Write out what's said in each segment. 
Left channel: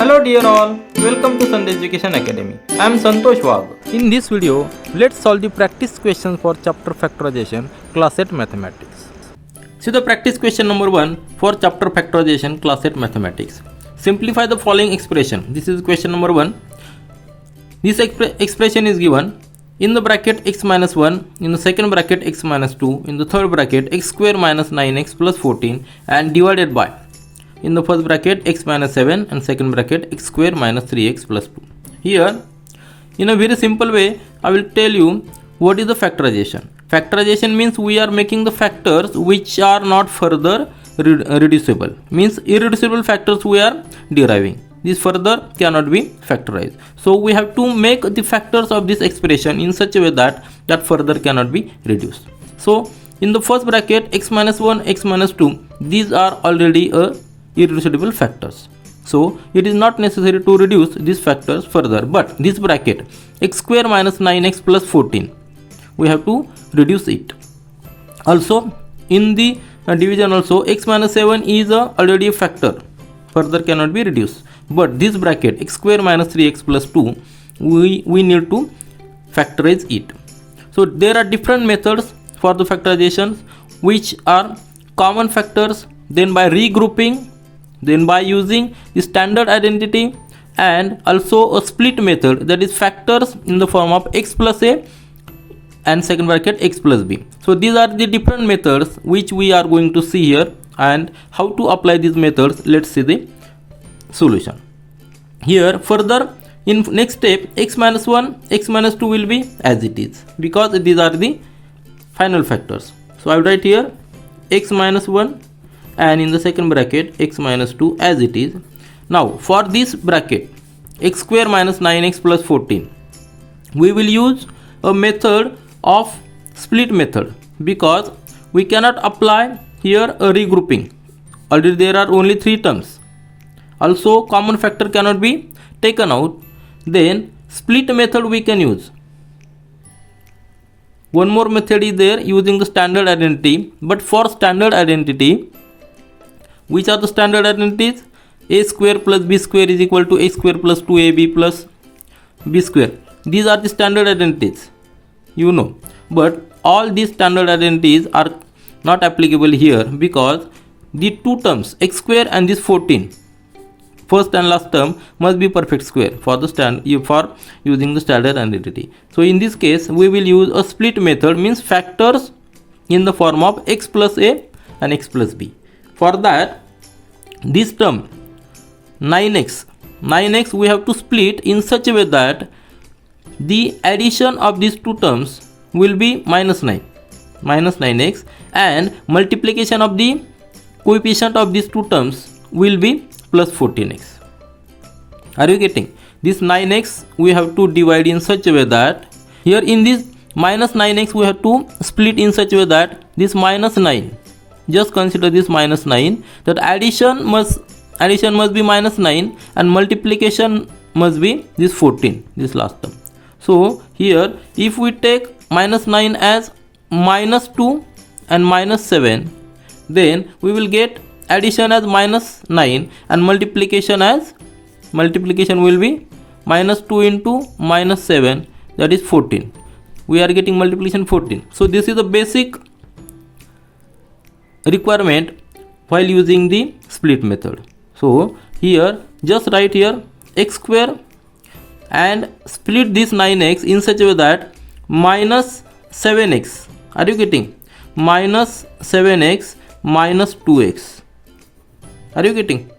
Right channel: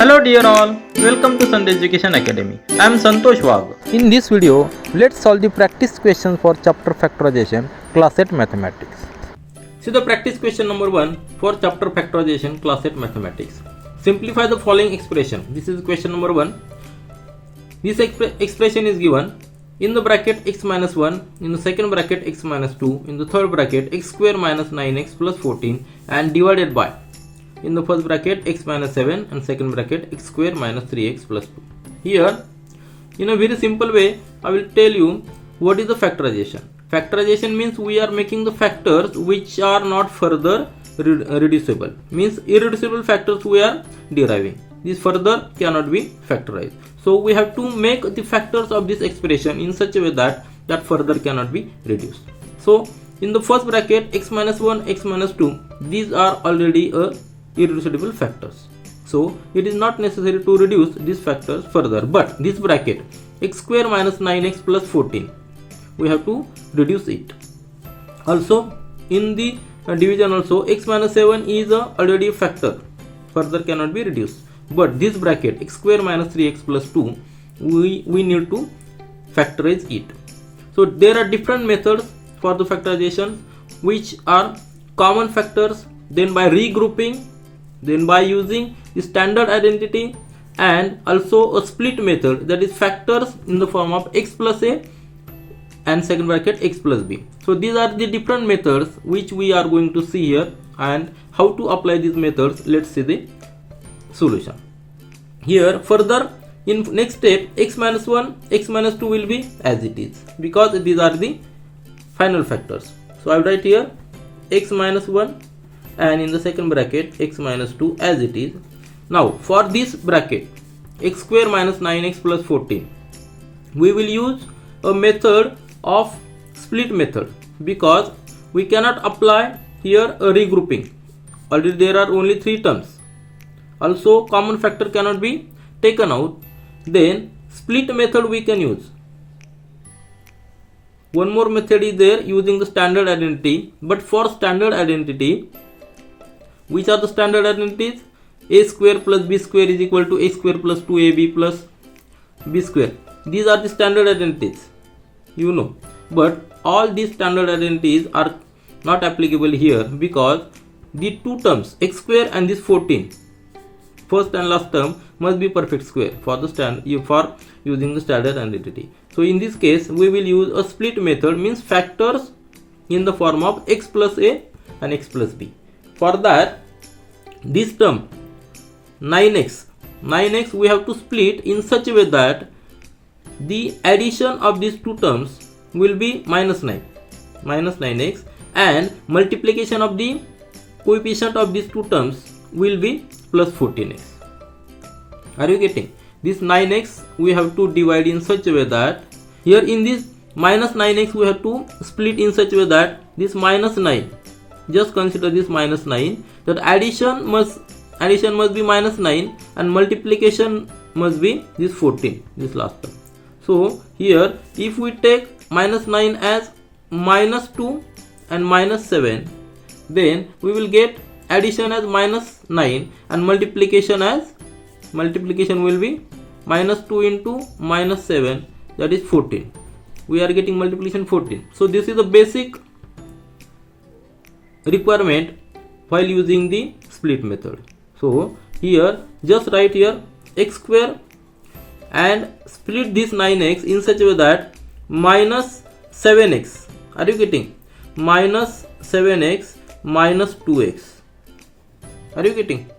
Hello dear all, welcome to Sandhya Education Academy. I am Santosh Wag. In this video, let's solve the practice questions for chapter Factorization, class 8 Mathematics. See the practice question number 1 for chapter Factorization, class 8 Mathematics. Simplify the following expression. This is question number 1. This expression is given in the bracket x minus 1, in the second bracket x minus 2, in the third bracket x square minus 9x plus 14 and divided by in the first bracket x minus 7 and second bracket x square minus 3x plus 2. Here in a very simple way I will tell you what is the factorization. Factorization means we are making the factors which are not further reducible, means irreducible factors we are deriving. This further cannot be factorized. So we have to make the factors of this expression in such a way that further cannot be reduced. So in the first bracket x minus 1, x minus 2, these are already irreducible factors. So it is not necessary to reduce these factors further, but this bracket x square minus 9x plus 14, we have to reduce it. Also in the division also x minus 7 is already a factor, further cannot be reduced, but this bracket x square minus 3x plus 2 we need to factorize it. So there are different methods for the factorization, which are common factors, then by regrouping, then by using the standard identity, and also a split method, that is factors in the form of x plus a and second bracket x plus b. So these are the different methods which we are going to see here, and how to apply these methods. Let's see the solution. Here further in next step x minus 1, x minus 2 will be as it is, because these are the final factors. So I will write here x minus 1 and in the second bracket x minus 2 as it is. Now for this bracket x square minus 9x plus 14, we will use a method of split method, because we cannot apply here a regrouping. Already there are only 3 terms. Also common factor cannot be taken out. Then split method we can use. One more method is there using the standard identity, but for standard identity, which are the standard identities? A square plus b square is equal to a square plus 2ab plus b square. These are the standard identities, you know. But all these standard identities are not applicable here, because the two terms x square and this 14, first and last term, must be perfect square for using the standard identity. So in this case we will use a split method, means factors in the form of x plus a and x plus b. For that, this term 9x we have to split in such a way that the addition of these two terms will be minus 9x, and multiplication of the coefficient of these two terms will be plus 14x. Are you getting? This 9x we have to divide in such a way that here in this minus 9x we have to split in such a way that this minus 9, just consider this minus 9, that addition must be minus 9 and multiplication must be this 14, this last term. So here if we take minus 9 as minus 2 and minus 7, then we will get addition as minus 9 and multiplication will be minus 2 into minus 7, that is 14. We are getting multiplication 14. So this is the basic requirement while using the split method. So here just write here x square and split this 9x in such a way that minus 7x. Are you getting? Minus 7x minus 2x. Are you getting?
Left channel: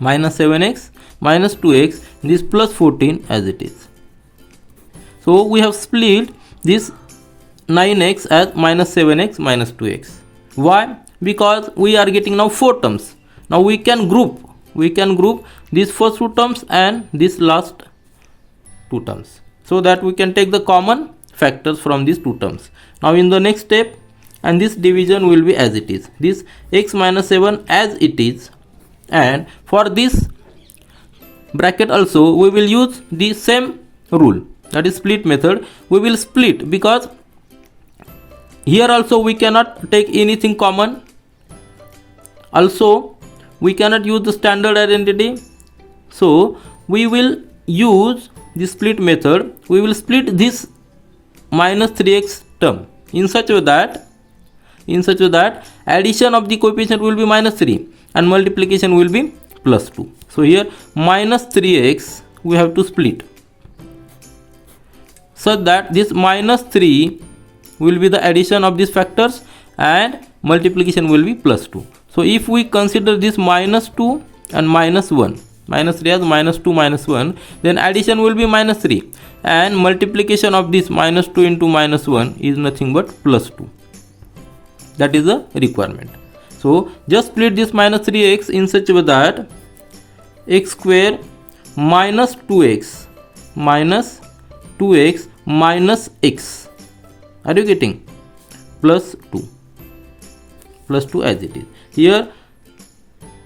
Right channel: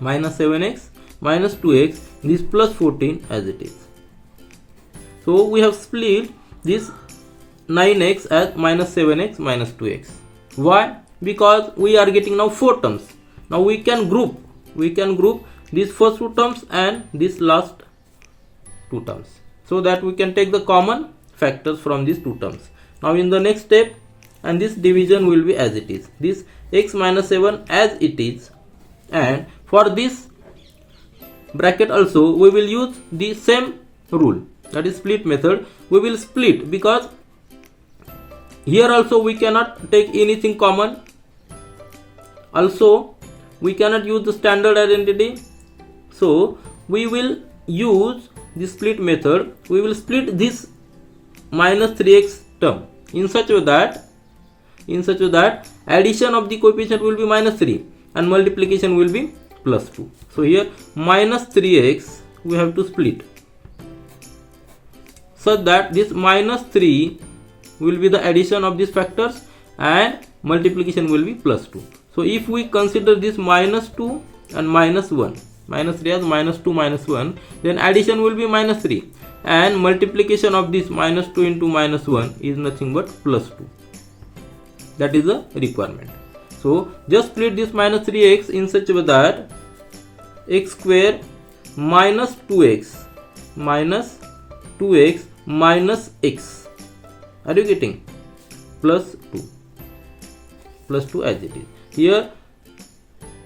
Minus 7x minus 2x, this plus 14 as it is. So we have split this 9x as minus 7x minus 2x. Why? Because we are getting now 4 terms. Now we can group these first 2 terms and this last 2 terms, so that we can take the common factors from these 2 terms. Now in the next step, and this division will be as it is, this x minus 7 as it is, and for this bracket also we will use the same rule, that is split method. We will split, because here also we cannot take anything common. Also we cannot use the standard identity, So we will use the split method. We will split this minus 3x term in such a way that addition of the coefficient will be minus 3 and multiplication will be plus 2. So here minus 3x we have to split so that this minus 3 will be the addition of these factors and multiplication will be plus 2. So if we consider this minus 2 and minus 1, minus 3 as minus 2 minus 1, then addition will be minus 3 and multiplication of this minus 2 into minus 1 is nothing but plus 2. That is the requirement. So just split this minus 3x in such a way that x square minus 2x minus 2x minus x, are you getting, plus 2 as it is. Here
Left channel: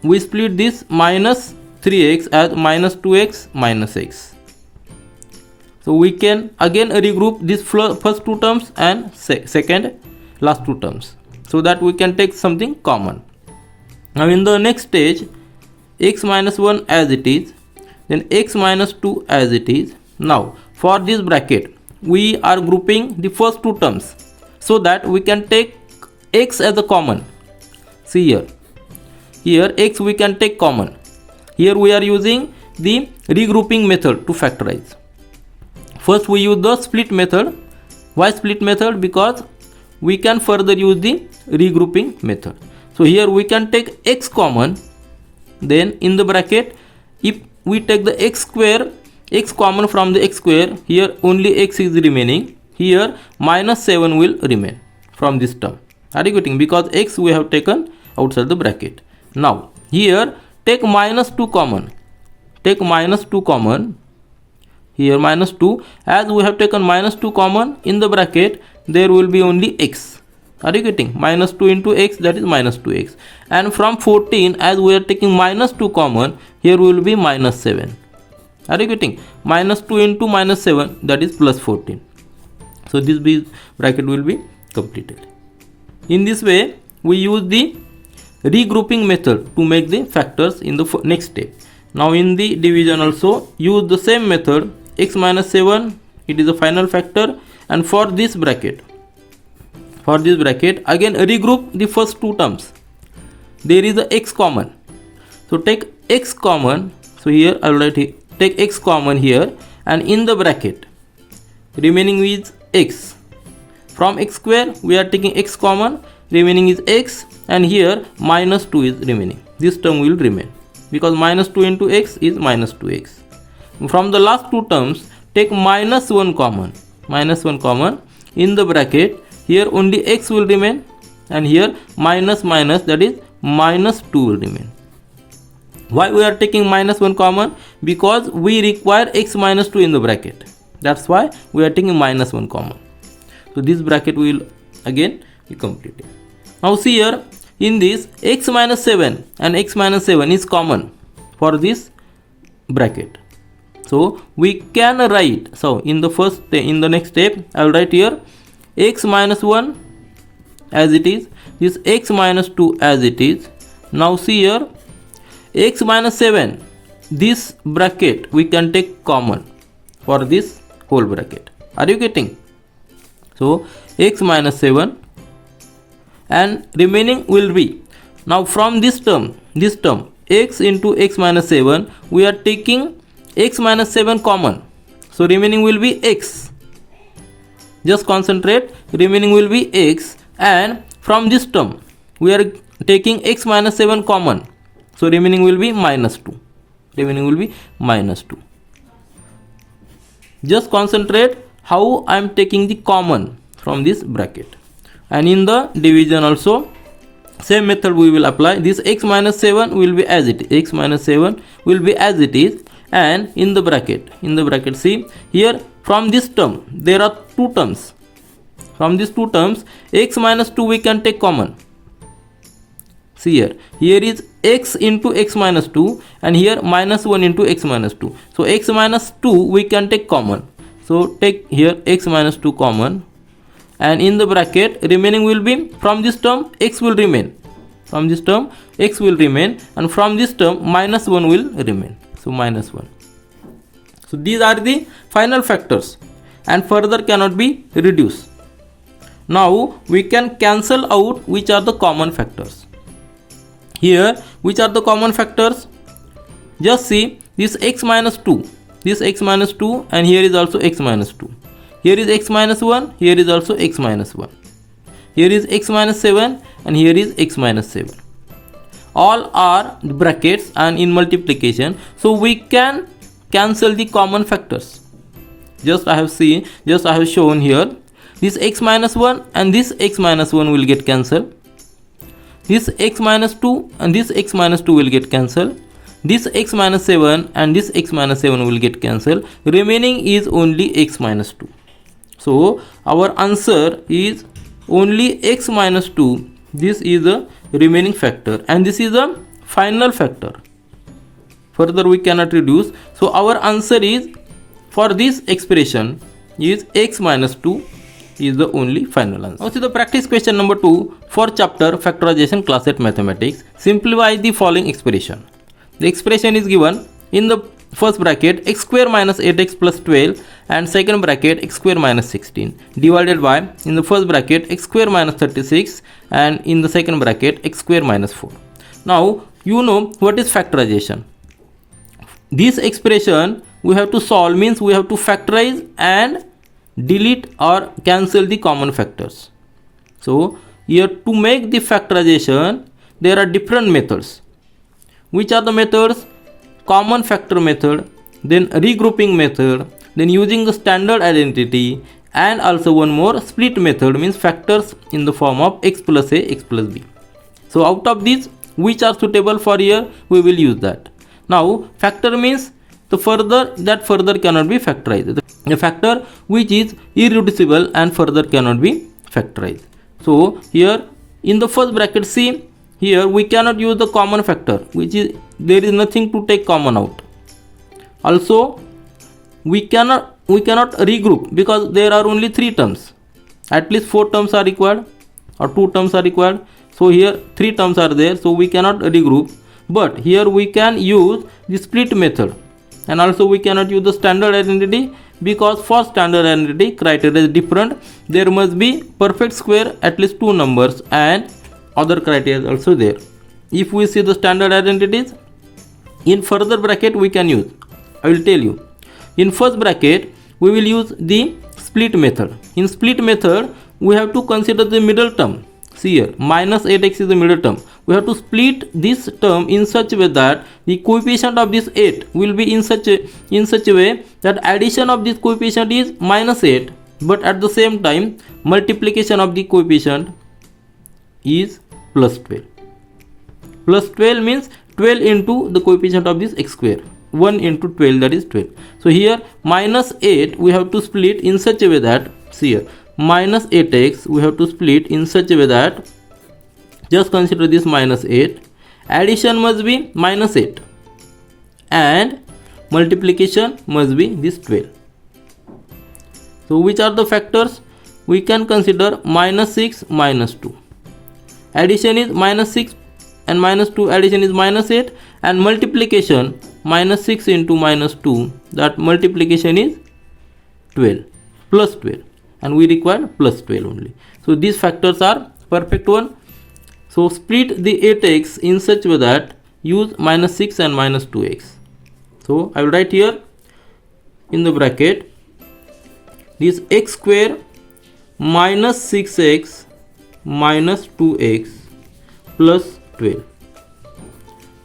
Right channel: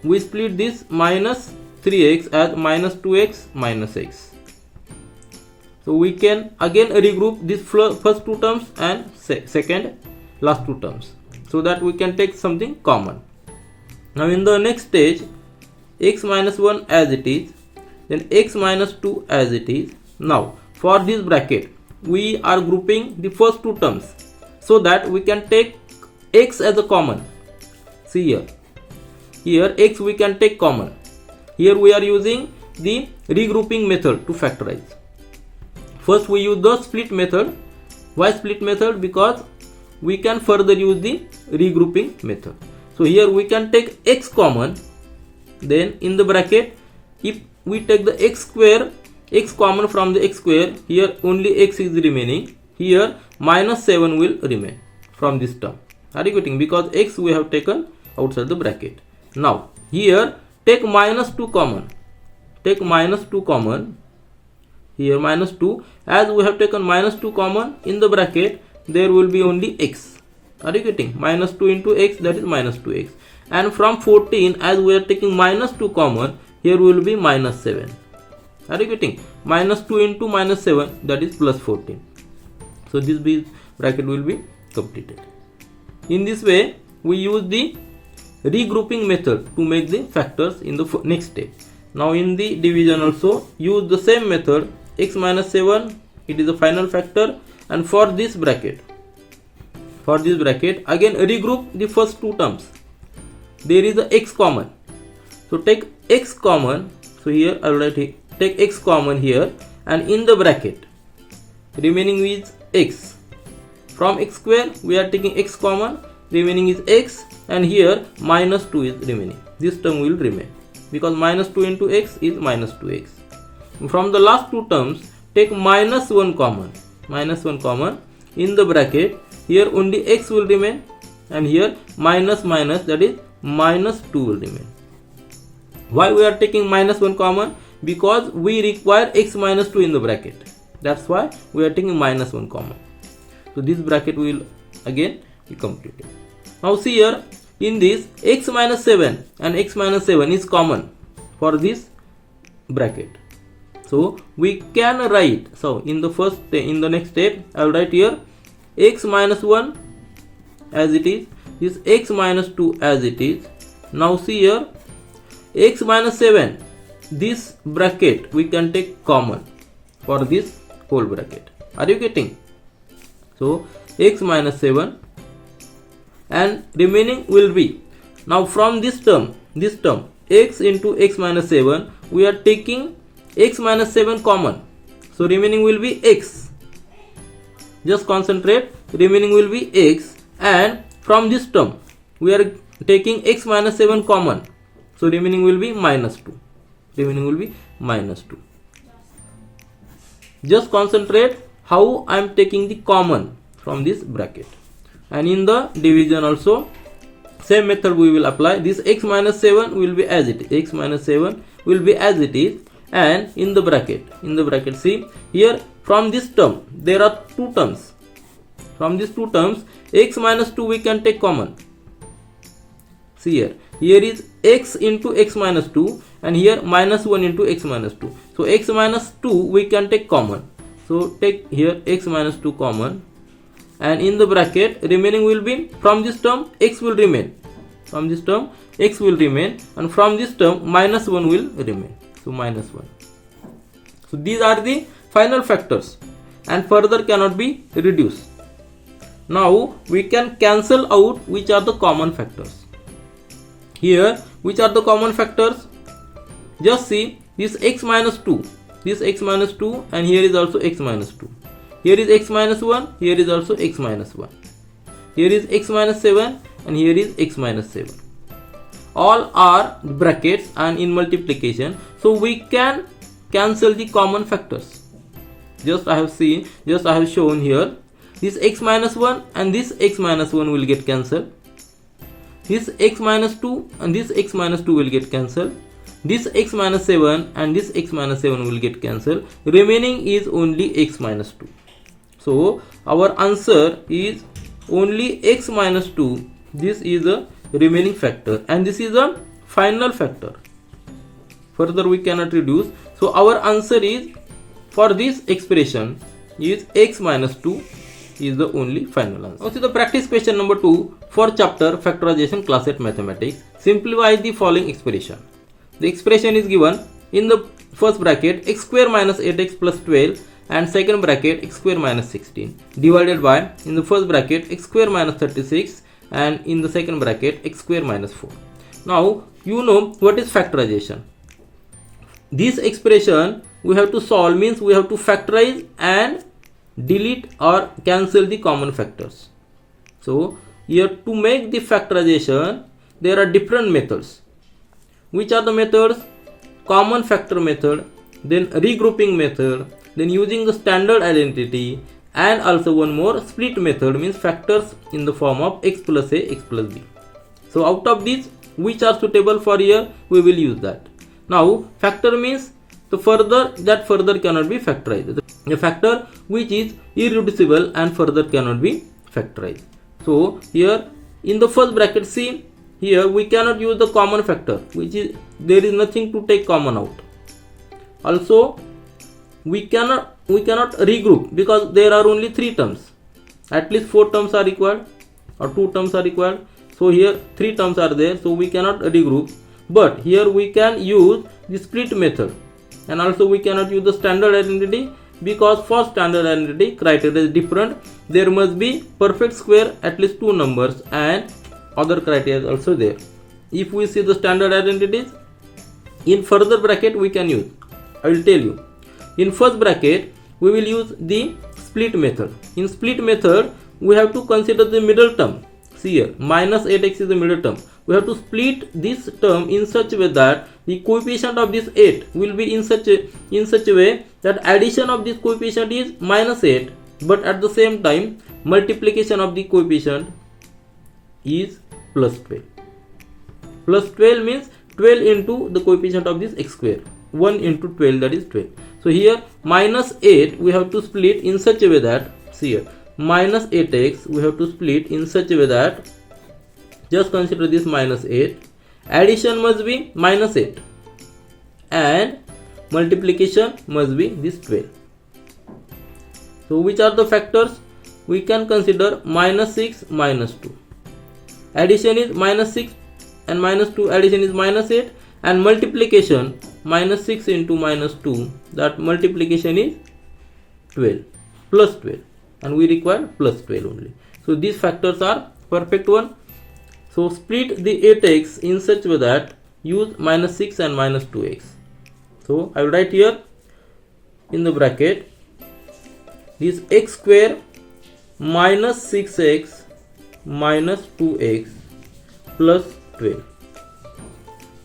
we split this minus 3x as minus 2x minus x. So we can again regroup these first two terms and second last two terms so that we can take something common. Now in the next stage, x minus 1 as it is, then x minus 2 as it is. Now for this bracket we are grouping the first two terms so that we can take x as a common. See here x we can take common. Here we are using the regrouping method to factorize. First we use the split method. Why split method? Because we can further use the regrouping method. So here we can take x common, then in the bracket if we take the x square, x common from the x square, here only x is remaining, here minus 7 will remain from this term. Are you getting? Because x we have taken outside the bracket. Now here take minus 2 common, take minus 2 common, here minus 2, as we have taken minus 2 common, in the bracket there will be only x. Are you getting? Minus 2 into x, that is minus 2x, and from 14 as we are taking minus 2 common, here will be minus 7. Are you getting? Minus 2 into minus 7, that is plus 14. So this bracket will be completed. In this way we use the regrouping method to make the factors in the next step. Now in the division also use the same method. X minus 7, it is a final factor, and for this bracket again regroup the first two terms. There is a x common, so take x common. So here I will write here, take x common here, and in the bracket remaining is x. From x square we are taking x common, remaining is x, and here minus 2 is remaining. This term will remain because minus 2 into x is minus 2x. From the last two terms take minus 1 common, in the bracket here only x will remain, and here minus minus, that is minus 2 will remain. Why we are taking minus 1 common? Because we require x minus 2 in the bracket. That's why we are taking minus 1 common. So this bracket will again be completed. Now see here, in this x minus 7 and x minus 7 is common for this bracket. So we can write, so in the next step I will write here x minus 1 as it is, this x minus 2 as it is. Now see here x minus 7, this bracket we can take common for this whole bracket. Are you getting? So x minus 7 and remaining will be, now from this term x into x minus 7 we are taking x minus 7 common, so remaining will be x. Just concentrate, remaining will be x, and from this term we are taking x minus 7 common, so remaining will be minus 2. Just concentrate how I am taking the common from this bracket. And in the division also same method we will apply. This x minus 7 will be as it is, and in the bracket see here, from this term there are two terms. From these two terms x minus 2 we can take common. See here is x into x minus 2, and here minus 1 into x minus 2. So x minus 2 we can take common, so take here x minus 2 common, and in the bracket remaining will be, from this term x will remain, and from this term minus 1 will remain. So minus 1. So these are the final factors and further cannot be reduced. Now we can cancel out which are the common factors. Here, which are the common factors? Just see this x minus 2, this x minus 2, and here is also x minus 2. Here is x minus 1, here is also x minus 1. Here is x minus 7 and here is x minus 7. All are brackets and in multiplication, so we can cancel the common factors. Just I have shown here, this x minus 1 and this x minus 1 will get cancelled. This x minus 2 and this x minus 2 will get cancelled. This x minus 7 and this x minus 7 will get cancelled. Remaining is only x minus 2. So our answer is only x minus 2. This is the remaining factor and this is the final factor. Further we cannot reduce. So our answer is, for this expression, is x minus 2 is the only final answer. Now see the practice question number 2 for chapter Factorization class 8 mathematics. Simplify the following expression. The expression is given in the first bracket x square minus 8x plus 12 and second bracket x square minus 16 divided by, in the first bracket, x square minus 36 and in the second bracket x square minus 4. Now you know what is factorization. This expression we have to solve, means we have to factorize and delete or cancel the common factors. So here to make the factorization there are different methods. Which are the methods? Common factor method, then regrouping method, then using the standard identity, and also one more split method, means factors in the form of x plus a, x plus b. So out of these, which are suitable for here, we will use that. Now factor means the further cannot be factorized. A factor which is irreducible and further cannot be factorized. So here in the first bracket, see, here we cannot use the common factor, which is there is nothing to take common out. Also we cannot regroup because there are only 3 terms. At least 4 terms are required or 2 terms are required. So here 3 terms are there, so we cannot regroup. But here we can use the split method, and also we cannot use the standard identity because for standard identity criteria is different. There must be perfect square, at least 2 numbers, and other criteria is also there. If we see the standard identities, in further bracket we can use, I will tell you. In first bracket we will use the split method. In split method we have to consider the middle term. See here, minus 8x is the middle term. We have to split this term in such a way that the coefficient of this 8 will be in such a way that addition of this coefficient is minus 8, but at the same time multiplication of the coefficient is plus 12. Plus 12 means 12 into the coefficient of this x square. 1 into 12, that is 12. So here minus 8 we have to split in such a way that, see here, minus 8x we have to split in such a way that, just consider this minus 8, addition must be minus 8 and multiplication must be this 12. So which are the factors? We can consider minus 6, minus 2. Addition is minus 6 and minus 2, addition is minus 8, and multiplication minus 6 into minus 2, that multiplication is 12, plus 12, and we require plus 12 only. So these factors are perfect one. So split the 8x in such a way that use minus 6 and minus 2x. So I will write here in the bracket this x square minus 6x minus 2x plus 12.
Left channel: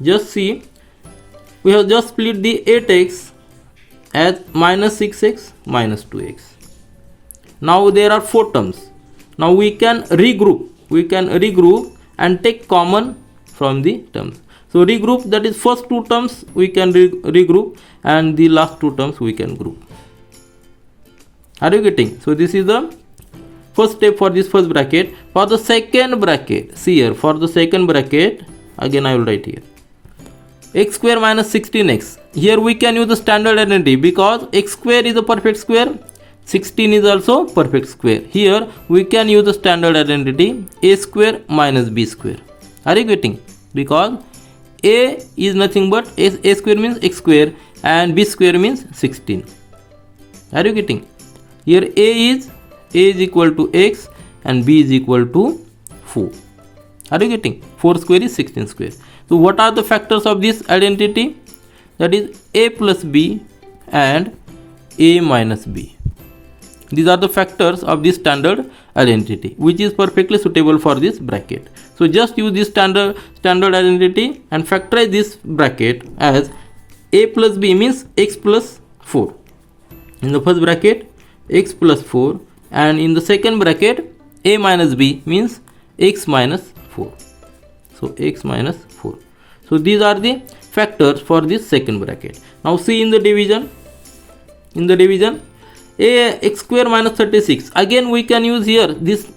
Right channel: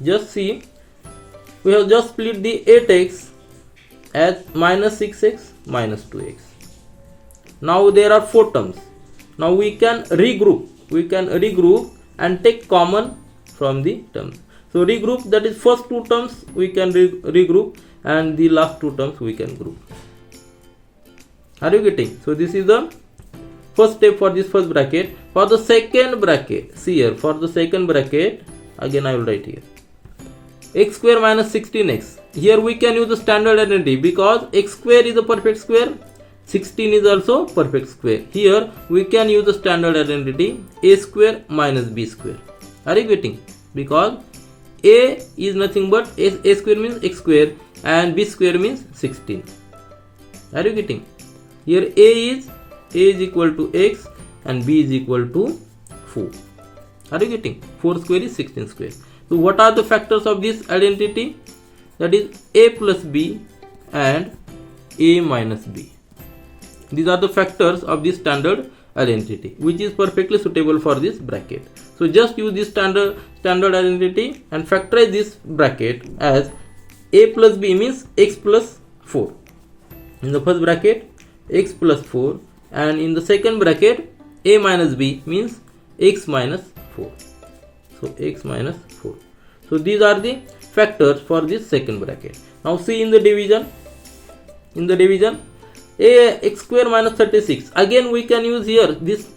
Just see, we have just split the 8x as minus 6x minus 2x. Now there are 4 terms. Now we can regroup. And take common from the terms. So regroup, that is first 2 terms we can regroup and the last 2 terms we can group. Are you getting? So this is the first step for this first bracket. For the second bracket, see here, for the second bracket, again I will write here x square minus 16x. Here we can use the standard identity because x square is a perfect square, 16 is also perfect square. Here we can use the standard identity a square minus b square. Are you getting? Because a is nothing but a square means x square and b square means 16. Are you getting? Here a is equal to x and b is equal to 4. Are you getting? 4 square is 16 square. So what are the factors of this identity? That is a plus b and a minus b. These are the factors of this standard identity, which is perfectly suitable for this bracket. So just use this standard identity and factorize this bracket as a plus b means x plus 4. In the first bracket, x plus 4, and in the second bracket, a minus b means x minus 4. So x minus 4. So these are the factors for this second bracket. Now see in the division. In the division, a x square minus 36. Again we can use here this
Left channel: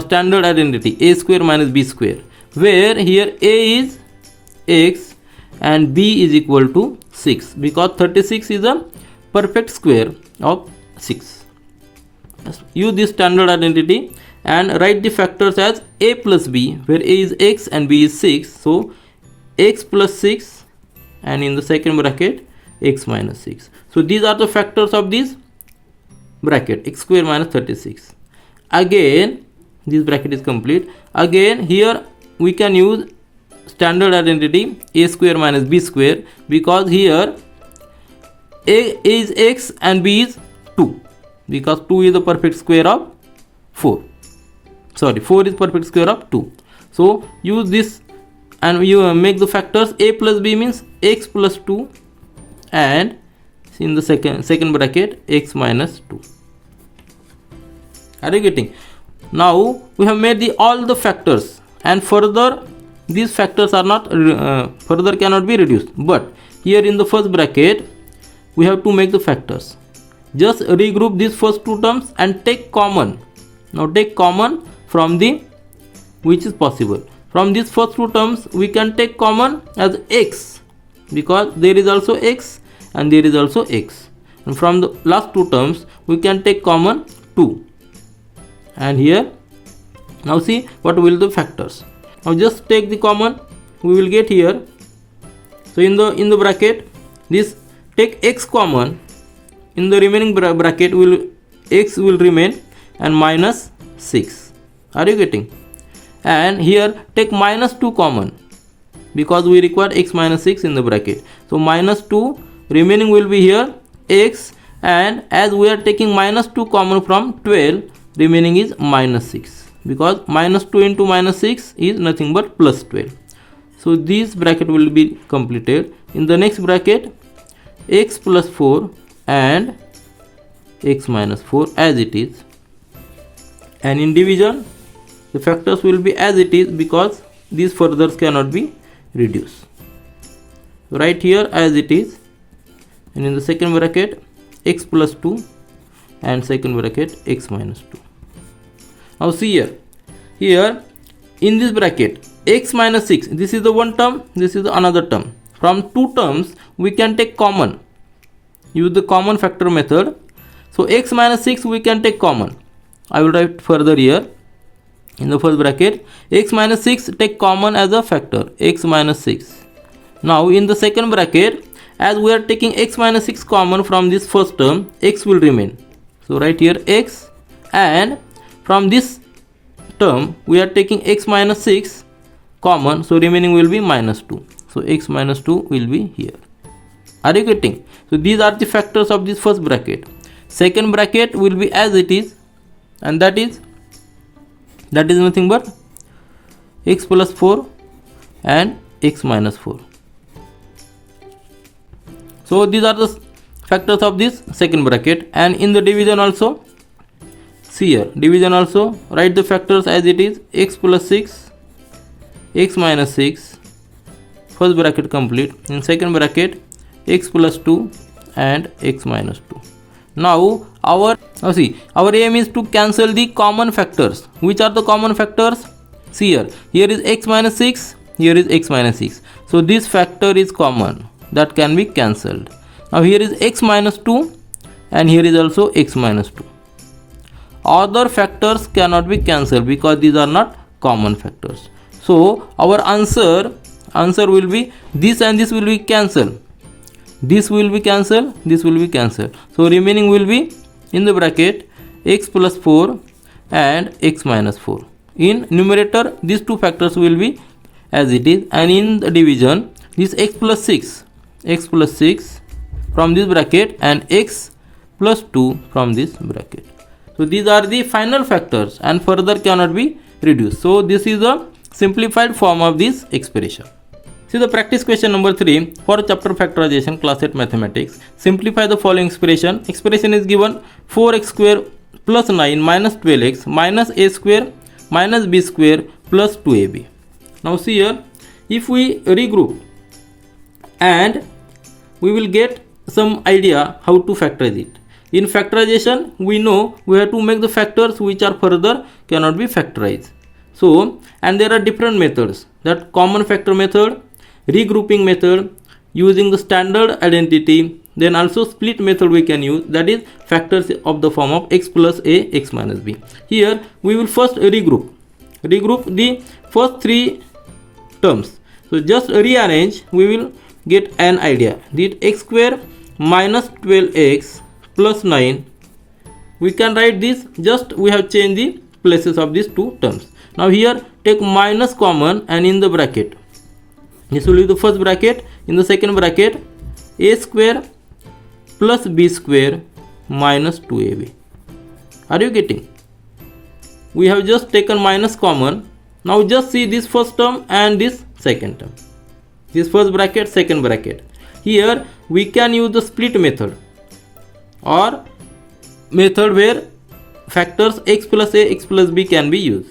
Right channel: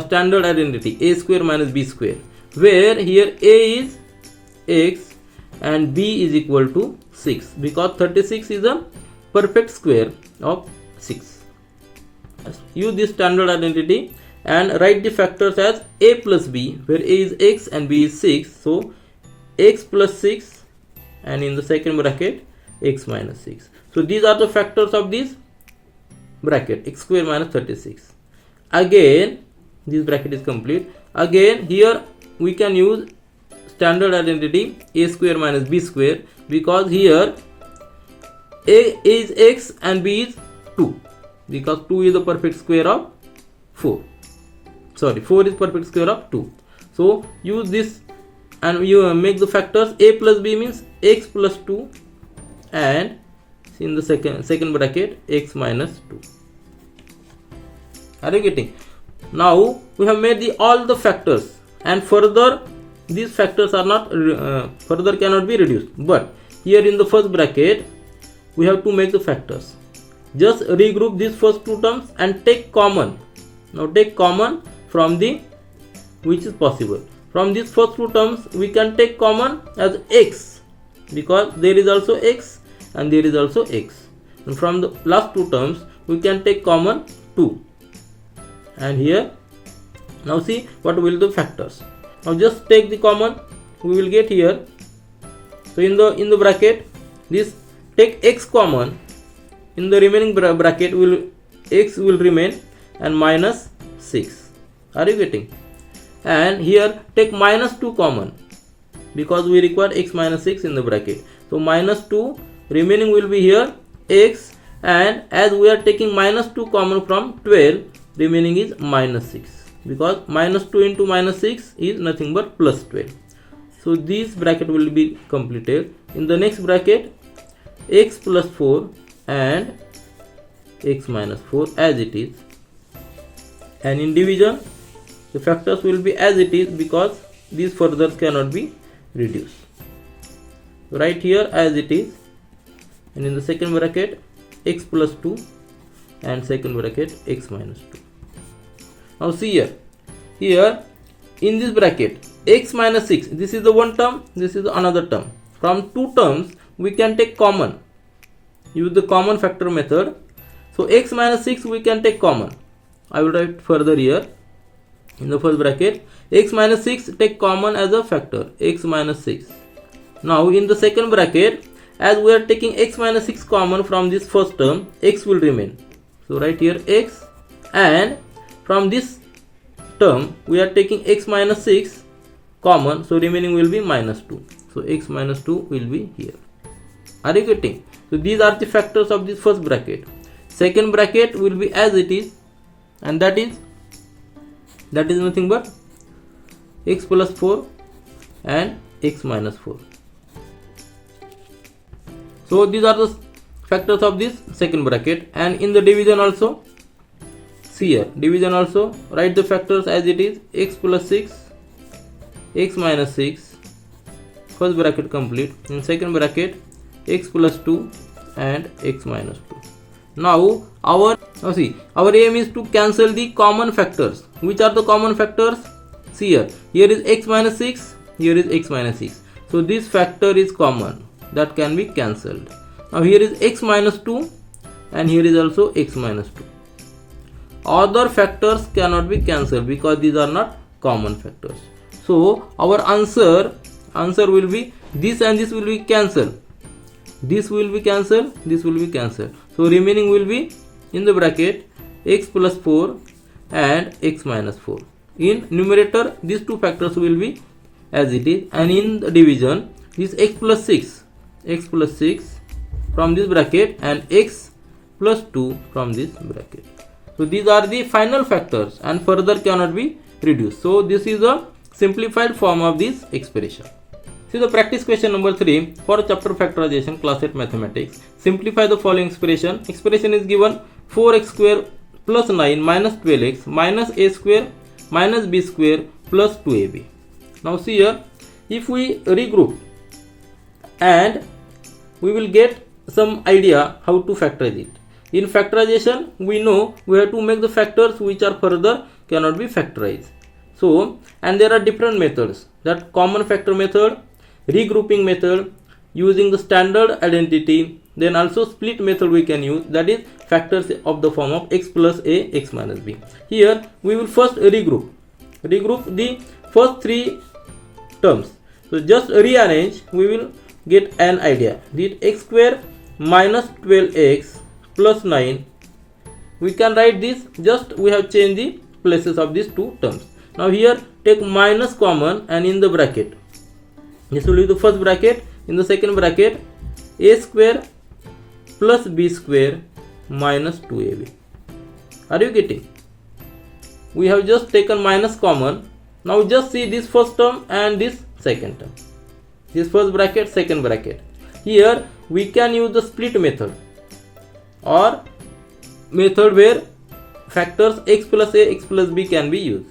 standard identity, a square minus b square, where here a is x and b is equal to 6, because 36 is a perfect square of 6. Use this standard identity and write the factors as a plus b, where a is x and b is 6. So x plus 6, and in the second bracket x minus 6. So these are the factors of this bracket, x square minus 36. Again this bracket is complete. Again here we can use standard identity a square minus b square, because here a is x and b is 2, because 2 is the perfect square of 4. Sorry, 4 is perfect square of 2. So use this and you make the factors. A plus b means x plus 2, and in the second bracket x minus 2. Are you getting? Now we have made all the factors, and further these factors are not further cannot be reduced, but here in the first bracket we have to make the factors. Just regroup these first two terms and take common. Now take common from the, which is possible. From these first two terms we can take common as x, because there is also x and there is also x. And from the last two terms we can take common 2. And here now see what will the factors. Now just take the common, we will get here. So in the bracket, this take x common. In the remaining bracket x will remain and minus 6. Are you getting? And here take minus 2 common, because we require x minus 6 in the bracket. So minus 2, remaining will be here x, and as we are taking minus 2 common from 12, remaining is minus 6, because minus 2 into minus 6 is nothing but plus 12. So this bracket will be completed. In the next bracket, x plus 4 and x minus 4 as it is, and in division the factors will be as it is, because these furthers cannot be reduced. Right here as it is, and in the second bracket x plus 2 and second bracket x minus 2. Now see here in this bracket x minus 6, this is the one term, this is another term. From two terms we can take common, use the common factor method. So x minus 6 we can take common. I will write further here. In the first bracket, x minus 6 take common as a factor, x minus 6. Now in the second bracket, as we are taking x minus 6 common from this first term, x will remain. So right here x, and from this term we are taking x minus 6 common, so remaining will be minus 2. So x minus 2 will be here. Are you getting? So these are the factors of this first bracket. Second bracket will be as it is, and that is nothing but x plus 4 and x minus 4. So these are the factors of this second bracket. And in the division also, see here, division also write the factors as it is, x plus 6, x minus 6, first bracket complete. In second bracket, x plus 2 and x minus 2. Now our aim is to cancel the common factors. Which are the common factors? See here is x minus 6, here is x minus 6. So this factor is common, that can be cancelled. Now here is x minus 2 and here is also x minus 2. Other factors cannot be cancelled because these are not common factors. So our answer answer will be this and this will be cancelled. This will be cancelled, this will be cancelled. So remaining will be in the bracket x plus 4 and x minus 4. In numerator these two factors will be as it is, and in the division this x plus 6 from this bracket and x plus 2 from this bracket. So these are the final factors and further cannot be reduced. So this is a simplified form of this expression. See the practice question number 3 for chapter factorization, class 8 mathematics. Simplify the following expression. Expression is given 4x square plus 9 minus 12x minus a square minus b square plus 2ab. Now see here, if we regroup and we will get some idea how to factorize it. In factorization we know we have to make the factors which are further cannot be factorized. So, and there are different methods, that common factor method, regrouping method, using the standard identity, then also split method we can use, that is factors of the form of x plus a, x minus b. Here we will first regroup the first three terms. So just rearrange, we will get an idea. That x square minus 12x plus 9, we can write this, just we have changed the places of these two terms. Now here take minus common, and in the bracket, this will be the first bracket, in the second bracket a square plus b square minus 2ab. Are you getting? We have just taken minus common. Now just see this first term and this second term. This first bracket, second bracket. Here we can use the split method or method where factors x plus a, x plus b can be used.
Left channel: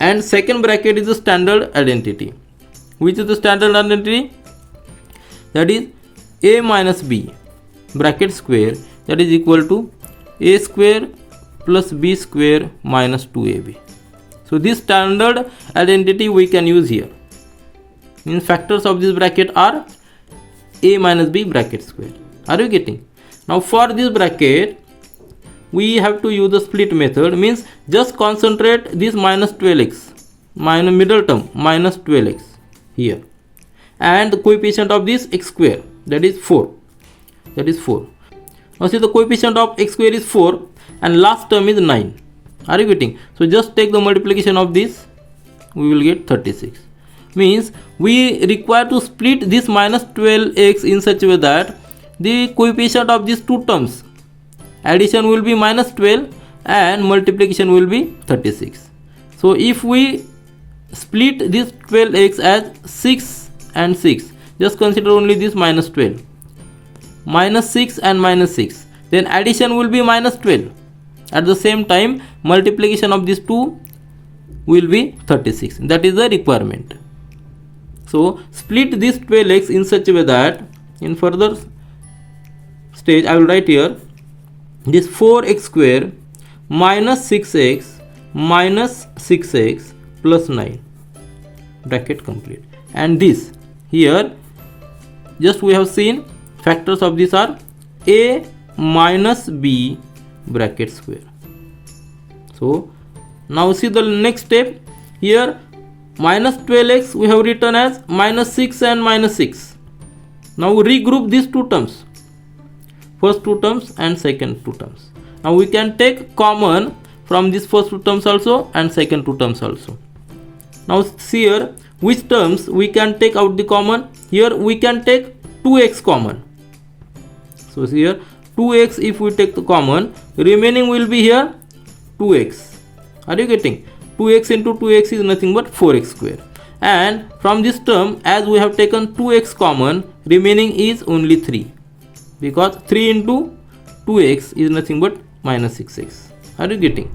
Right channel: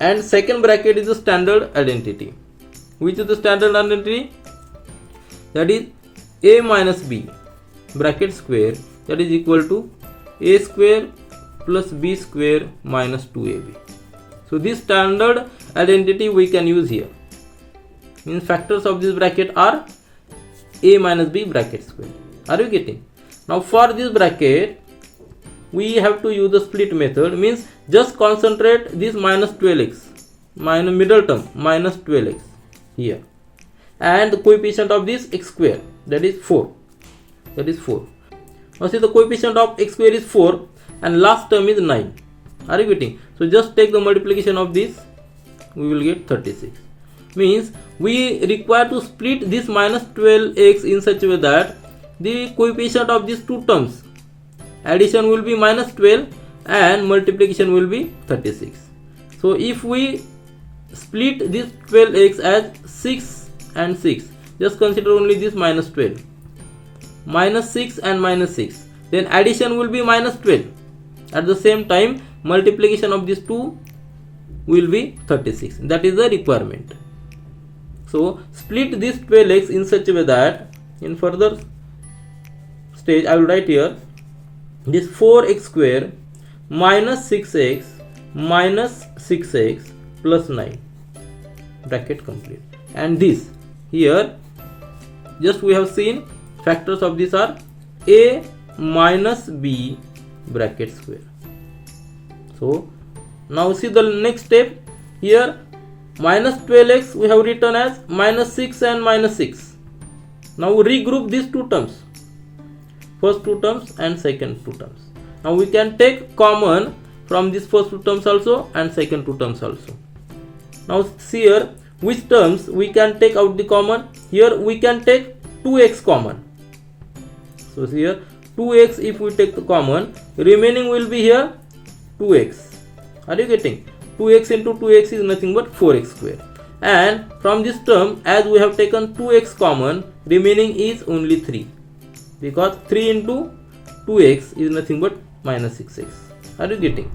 And second bracket is the standard identity. Which is the standard identity? That is a minus b bracket square, that is equal to a square plus b square minus 2ab. So this standard identity we can use here. Means factors of this bracket are a minus b bracket square. Are you getting? Now for this bracket we have to use the split method, means just concentrate this minus 12x, minus middle term minus 12x here, and the coefficient of this x square, that is 4. Now see the coefficient of x square is 4 and last term is 9. Are you getting? So just take the multiplication of this, we will get 36. Means we require to split this minus 12x in such a way that the coefficient of these two terms, addition will be minus 12 and multiplication will be 36. So if we split this 12x as 6 and 6, just consider only this minus 12, minus 6 and minus 6, then addition will be minus 12. At the same time multiplication of these two will be 36. That is the requirement. So split this 12x in such a way that in further stage I will write here this 4x square minus 6x minus 6x plus 9, bracket complete. And this here just we have seen factors of this are a minus b bracket square. So now see the next step. Here minus 12x we have written as minus 6 and minus 6. Now regroup these two terms, first two terms and second two terms. Now we can take common from this first two terms also and second two terms also. Now see here which terms we can take out the common. Here we can take 2x common. So see here 2x if we take the common, remaining will be here 2x. Are you getting? 2x into 2x is nothing but 4x square. And from this term, as we have taken 2x common, remaining is only 3. Because 3 into 2x is nothing but minus 6x. Are you getting?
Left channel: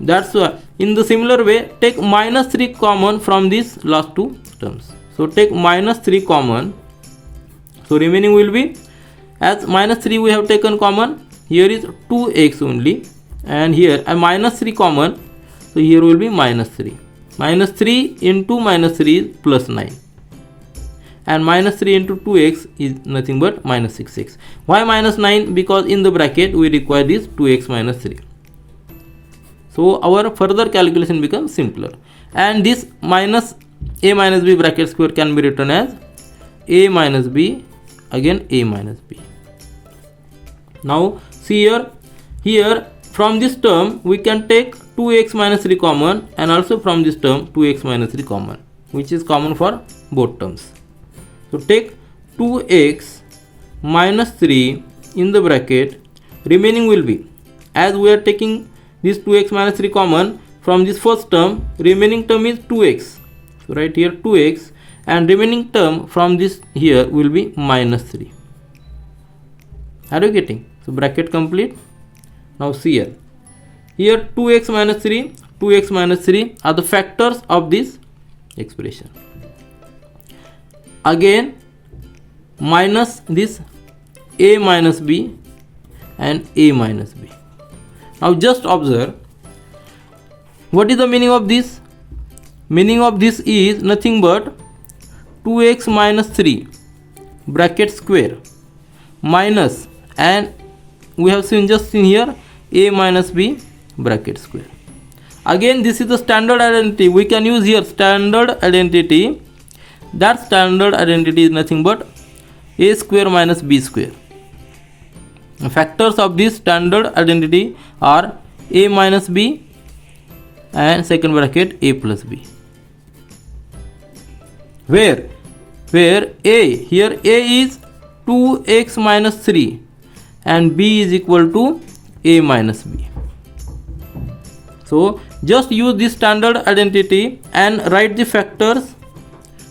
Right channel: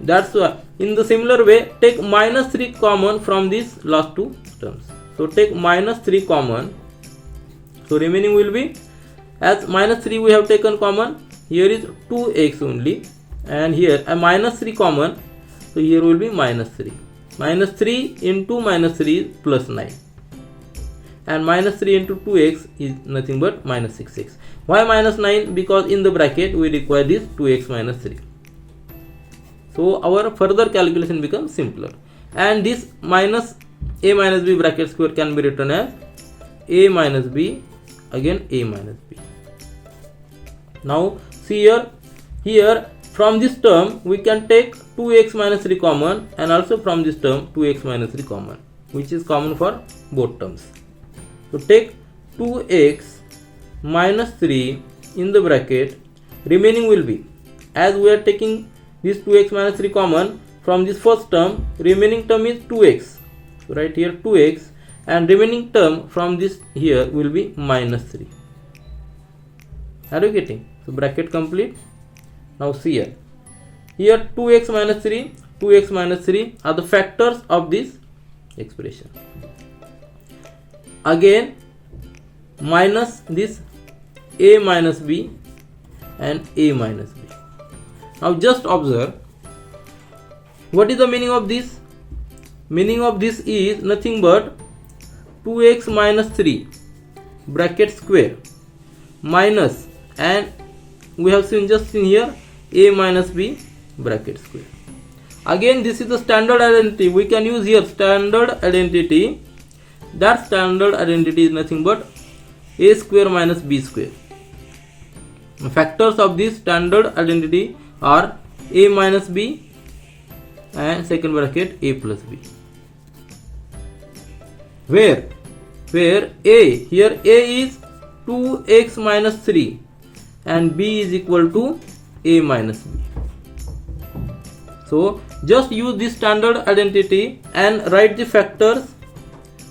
That's why in the similar way take minus 3 common from these last two terms. So take minus 3 common. So remaining will be, as minus 3 we have taken common, here is 2x only, and here a minus 3 common, so here will be minus 3. Minus 3 into minus 3 is plus 9, and minus 3 into 2x is nothing but minus 6x. Why minus 9? Because in the bracket we require this 2x minus 3. So our further calculation becomes simpler, and this minus a minus b bracket square can be written as a minus b, again a minus b. Now see here from this term we can take 2x minus 3 common, and also from this term 2x minus 3 common, which is common for both terms. So take 2x minus 3 in the bracket, remaining will be, as we are taking this 2x minus 3 common from this first term, remaining term is 2x. So right here 2x, and remaining term from this here will be minus 3. Are you getting? So bracket complete. Now see here 2x minus 3, 2x minus 3 are the factors of this expression. Again minus this a minus b and a minus b. Now just observe, what is the meaning of this? Meaning of this is nothing but 2x minus 3 bracket square minus, and we have just seen here a minus b bracket square. Again this is the standard identity, we can use here standard identity. That standard identity is nothing but a square minus b square. The factors of this standard identity are a minus b and second bracket a plus b. Where a, here a is 2x minus 3 and b is equal to a minus b. So just use this standard identity and write the factors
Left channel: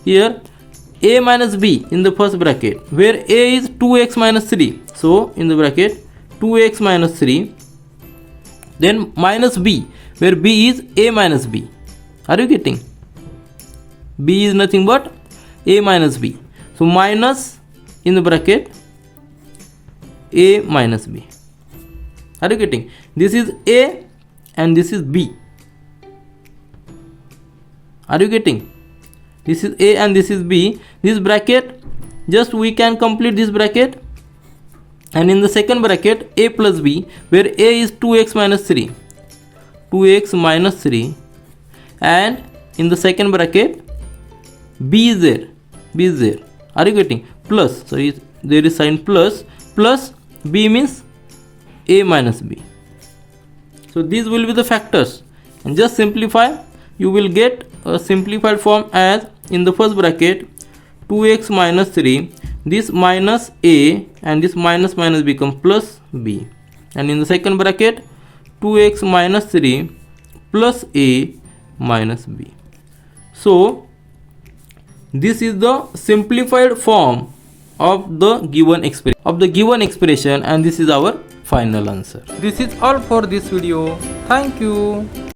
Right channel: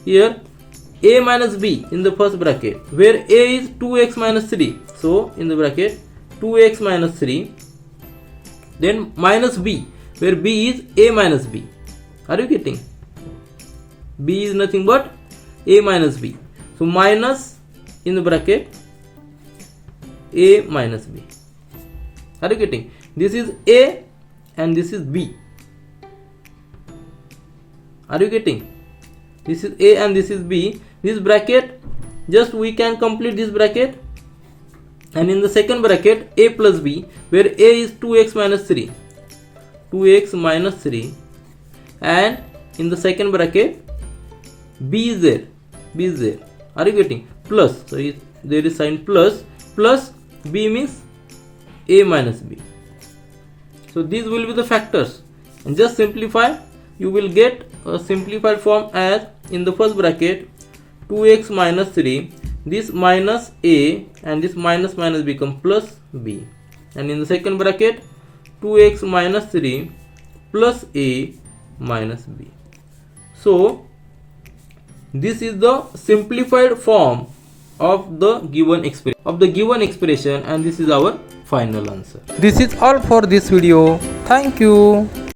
here. A minus b in the first bracket, where a is 2x minus 3, so in the bracket 2x minus 3, then minus b, where b is a minus b. Are you getting? B is nothing but a minus b, so minus in the bracket a minus b. Are you getting? This is a and this is b. Are you getting? This is a and this is b. This bracket, just we can complete this bracket, and in the second bracket a plus b, where a is 2x minus 3, 2x minus 3, and in the second bracket b is there, b is there. Are you getting? Plus, so there is sign plus, plus b means a minus b. So these will be the factors, and just simplify, you will get a simplified form as in the first bracket 2x minus 3, this minus a and this minus minus become plus b, and in the second bracket 2x minus 3 plus a minus b. So this is the simplified form of the given expression, and this is our final answer. This is all for this video. Thank you.